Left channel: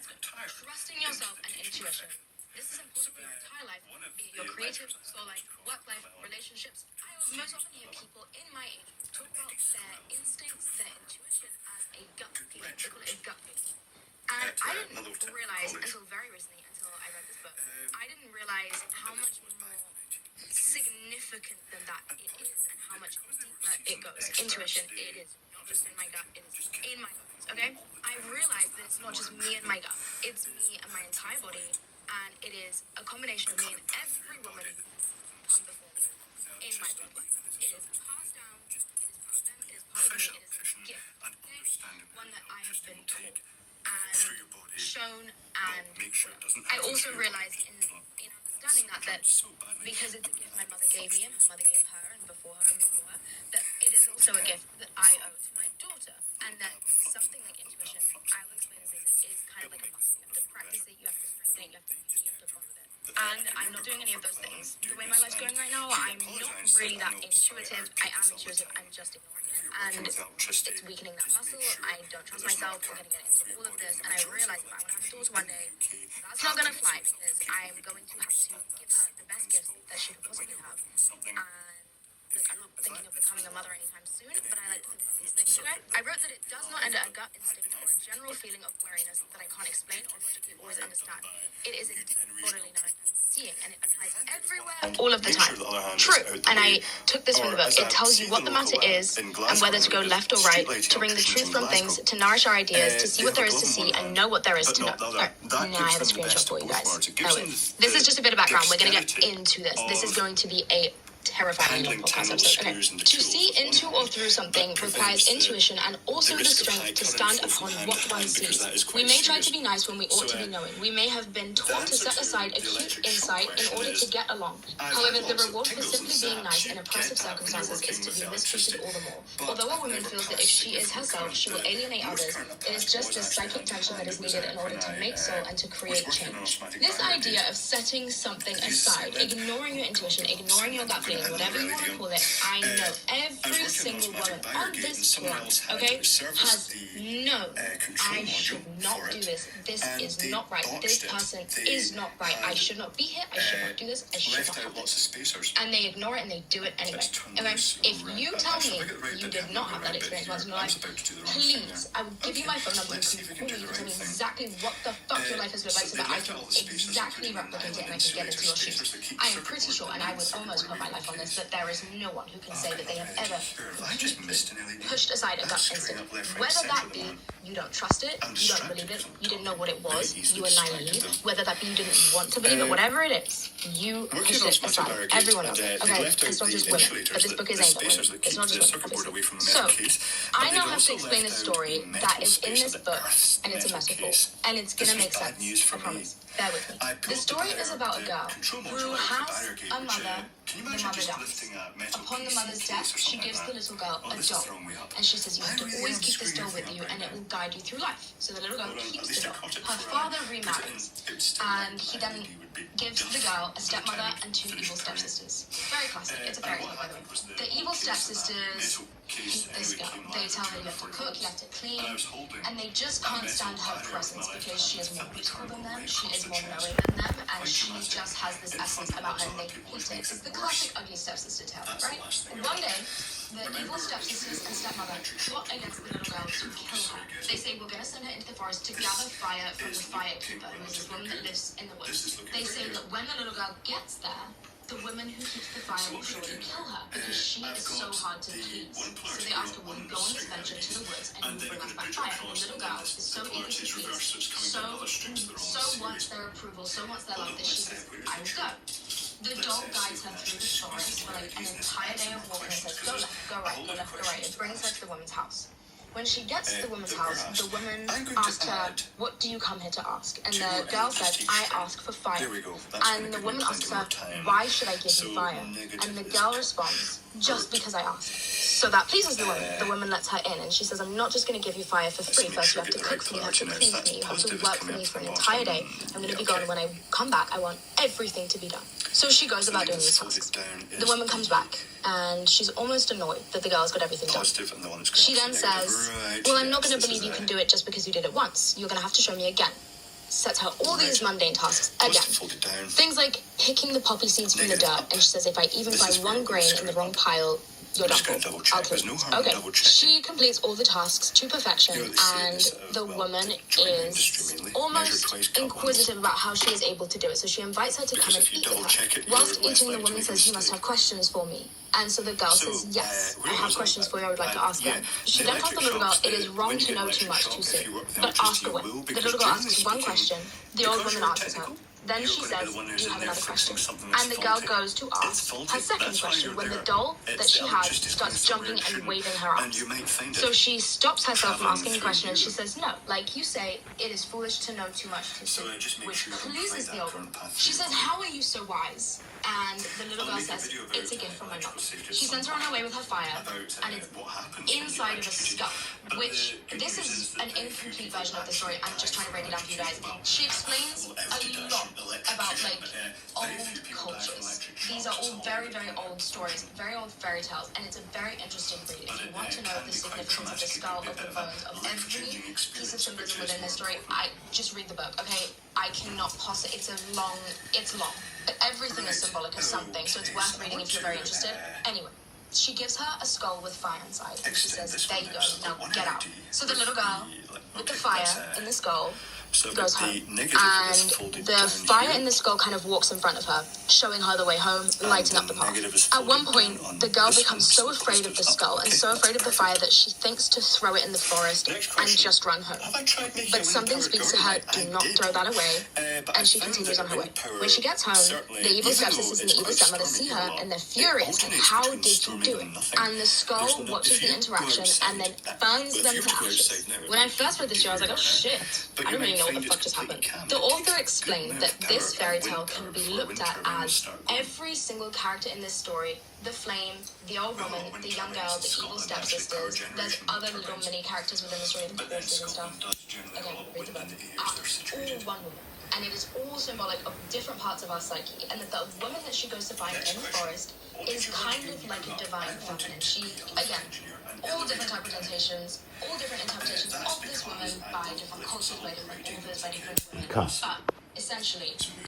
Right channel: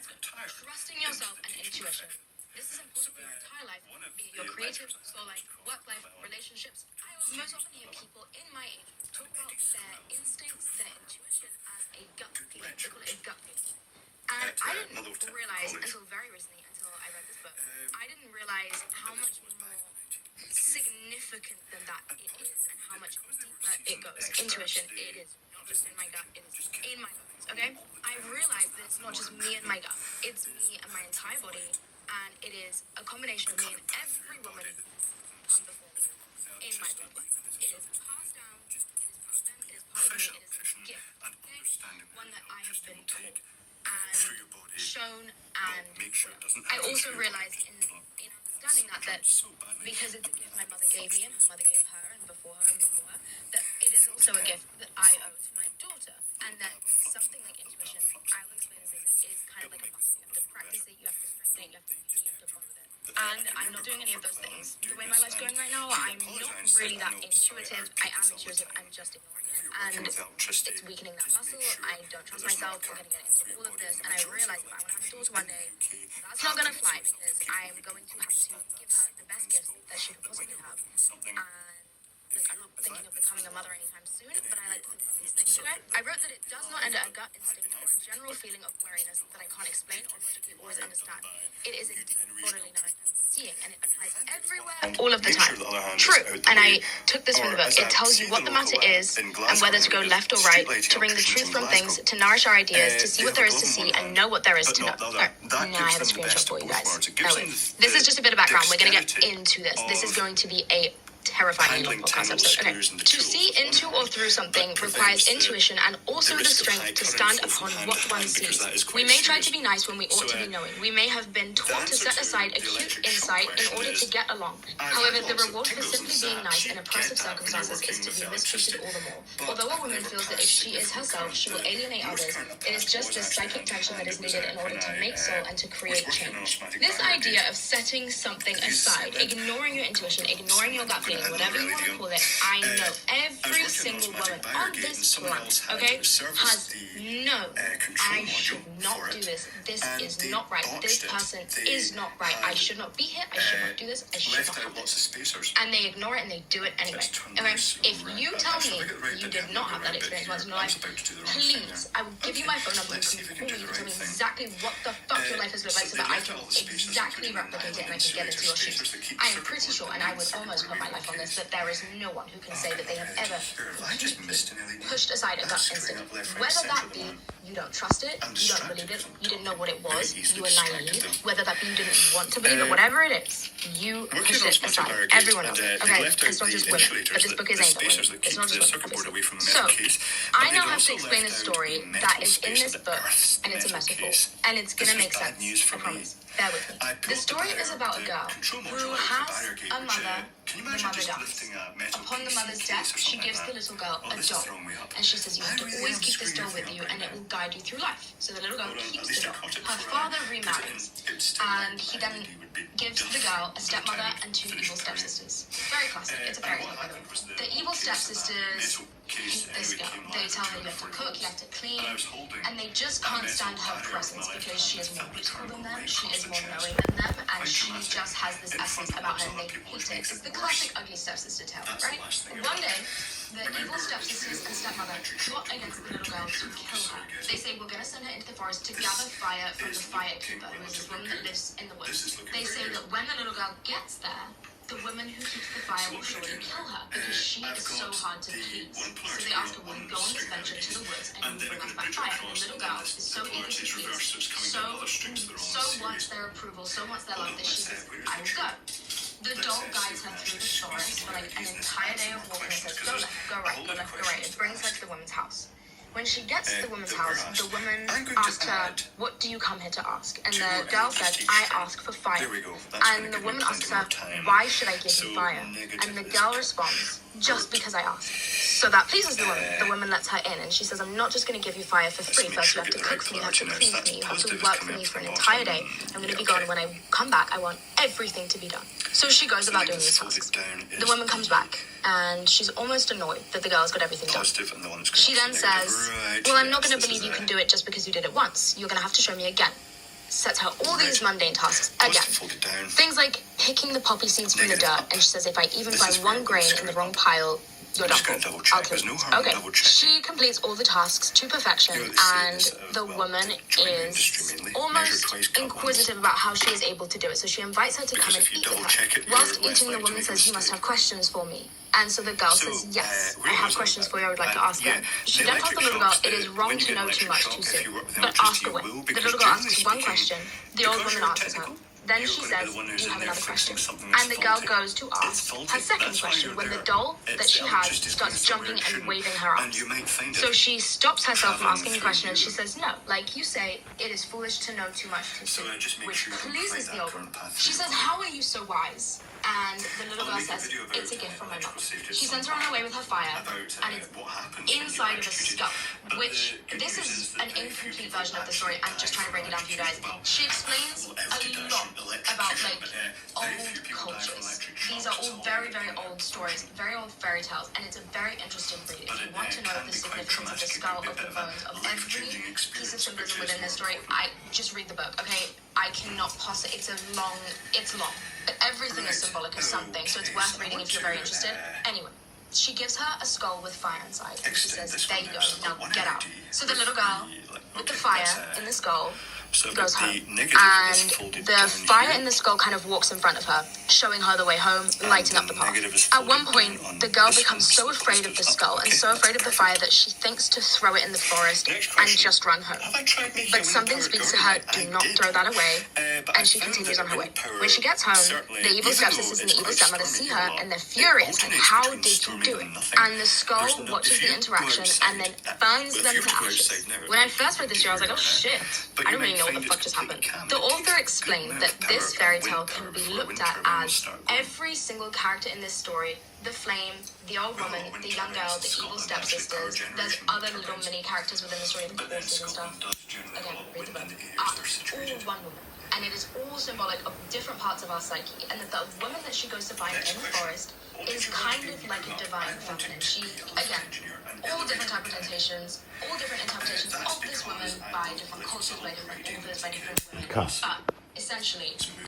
trusting yourself and intuition. This is important for your entire life, be it your creative, soul life, work life, relationships. I most often hear people in my age talk about their instincts, their intuition as a gut feeling. They call it a gut feeling. And I didn't realize until very recently, until I read this book, I didn't realize how much more significant than that it is and how much deeper it goes. Intuition, it is not just in my gut, it is in my bones, okay? I realized that it's not just me and my gut, it's me and my entire body, and it is a combination of me and every woman who's come before me in my bloodline. It is passed down, it is part of them, it is part of me, it is a gift, okay? One that I have been taught and shown, and I also realized in understanding that because it's a gift my mother gave me and her mother gave her and before her, that it is also a gift that I owe to my daughter, and that something like intuition, I will explain this as it is kind of like a muscle. You have to practice it, you have to strengthen it, you have to bond with it. And I'm not doing any of those things. The way my life's going right now, I'm not really that intuitive. I am intuitive, I'm just ignoring it. And it's weakening that muscle. I don't trust myself. I'm going to get into all of this. And I realize if I want to have a daughter one day, that's not going to fly because I'm going to have to give her the best gift that she could possibly have. And look, I'm not thinking of becoming a mother anytime soon, but I like to think about these things. Okay? I wrote that it does not end at a gut instinct or a general feeling of wariness that I can't explain or logically always understand. It is a deep bodily knowing and seeing, and it applies everywhere, all of the time. True, and I took this from the book. It tells you what the matter is and whether to go left or right, to bring the truth from things, to nourish our ideas, to see what there is to see and know what there is to know. Right, now I have a screenshot for you guys. Oh, wait. This is just a bit of background. We're going to get into this. This is going to be a terrifying podcast episode. Okay. To see into or through something requires intuition and also the strength to stand upon what one sees. We may try to be nice when we ought to be knowing. We may have been taught to set aside acute insight in order to get along. However, the reward for simply being nice in oppressive circumstances is to be mistreated all the more. Although a woman feels that if she is herself, she will alienate others, it is just this psychic tension that is needed in order to make soul and to create change. This idea of setting something aside, ignoring your intuition, ignoring your gut feeling, whatever you want to call it, I know every single woman on this planet, okay, has no, I should not do this. This is not right. This person is not right. I should not be here. I should not do this. I should not have this. And they ignore it and they do it anyway. Okay, if you tell me you did not have that experience once in your life, please, I will give you my phone number. You can call me. You can tell me exactly what the fuck your life has looked like so that I can exactly replicate it and I can get into your shoes. I am pretty sure, and I would almost put my life on this, that there is no one who can say that they have ever pushed aside a gut instinct. Whether that be you don't trust it, you don't believe it, you didn't know what it was, you were naive, whether that be you didn't want to believe it, whatever it is, you pushed it aside. Everyone knows it. Okay, it's not just women, but this book is aimed at women. It's not just women, obviously. So, I now have to explain a story that is in this book, and it's a metaphor, and it's gonna make sense, I promise. Bear with me. The story is about a girl who has a mother. The mother dies. Upon the mother's death, she gives the little girl a doll. And she says, you have to always keep this doll with you and it will guide you through life. So the little girl keeps the doll. Her father remarries. And he then gives the girl a stepmother and two evil stepsisters. Very classic. It's a fairy tale, by the way. The evil stepsisters hate this girl. They tell her you have to cook, you have to clean. And they just can't stand her presence because she is more beautiful than them. She is more knowing than them. And she just has this essence about her and they hate it. It's the classic ugly stepsister tale, right? One day, the evil stepsisters and stepmother plot against the little girl to kill her. They say, we're going to send her into the forest to gather fire from the fire keeper, who is a woman that lives in the woods. They say that when the little girl gets there, the woman who keeps the fire will surely kill her because she is so hard to please. So they ask her, will you go on this venture to the woods and you will bring us back fire? And the little girl is so eager to please, so wants their approval, so wants their love that she says, I will go. The doll guides her through the forest for like an entire day of walking and says, go left, go right, go left, go right. It brings her to the woman's house. When she gets to the woman's house, the woman asks her, what do you come here to ask? And the girl says, I ask for fire. And the woman asks her, why should I give you fire? And the girl responds, just because I ask. So that pleases the woman. The woman lets her in and she says, I'm not just going to give you fire for free. First you have to cook for me, you have to clean for me, you have to work for me for an entire day. I'm going to be gone. When I come back, I want everything to be done. So she goes about doing these tasks. The woman comes back and she's almost annoyed that the girl's got everything done. She then says, well, I'm not going to believe you can do it just because you did it once. You're going to have to show me again. sets her all these mundane tasks again. Things like picking the poppy seeds from the dirt, and she says, if I even find one grain in the wrong pile, you're done for. I'll clean it. Okay. She completes all the tasks to perfection, and the woman is almost inquisitive about how she is able to do it. So she invites her to come and eat with her. Whilst eating, the woman says, you must have questions for me. And so the girl says, yes, I have questions for you, I would like to ask them. She then tells the little girl, it is wrong to know too much too soon, but ask away. The little girl asks one question, the old woman answers her. Then she says, do you have another question? And the girl goes to ask her second question when the doll that she has starts jumping and waving her arms. So she stops herself from asking the question and she says, no, like you say, it is foolish to know too much too soon, which pleases the old woman. She says, how are you so wise? And the little girl says, it's a gift from my mom. She sends her on her way with her fire, and it's inside of a skull, which this is an incomplete version of the story. I'm just trying to break it down for you guys. She explains a lot about, like, old cultures. These are all very, very old stories, very old fairy tales, and it's a very interesting read. If you want to know the significance of the skull, of the bones, of every piece of symbolism within this story, I just read the book, okay? I cannot possibly, it's long, but everything is symbolic of something, so it's worth reading if you're very interested. Anyway, she gives her a skull with fire inside, and she says, there you go, now get out. So the little girl, with the fire in the skull, goes home, and the fire in the skull kind of walks in front of her, showing her the way home, lighting up the path. At one point, the girl becomes so afraid of the skull and so afraid of the fire that she thinks to throw it in the forest and just run home. But something speaks to her, do not throw that away, and she continues on her way. When she gets home, the evil stepsisters and the evil stepmother see her, and they're furious, like, how did you do it? And the skull watches the interaction and then burns them to ashes. When I first read this story, I was like, oh shit, I don't really know what the fuck just happened. The author explained that this fairy tale can be looked at as every single character in this story, the flame, the old woman, the young girl, the evil stepsisters, there's other little mini characters within the story, the horses and stuff. Again, read the book. Are all one woman. And it is all symbolic of different parts of our psyche. And that the woman that she goes to find in the forest is kind of like a divine feminine. She, again, all different interpretations of this woman by different cultures, by different authors, by different women. But essentially,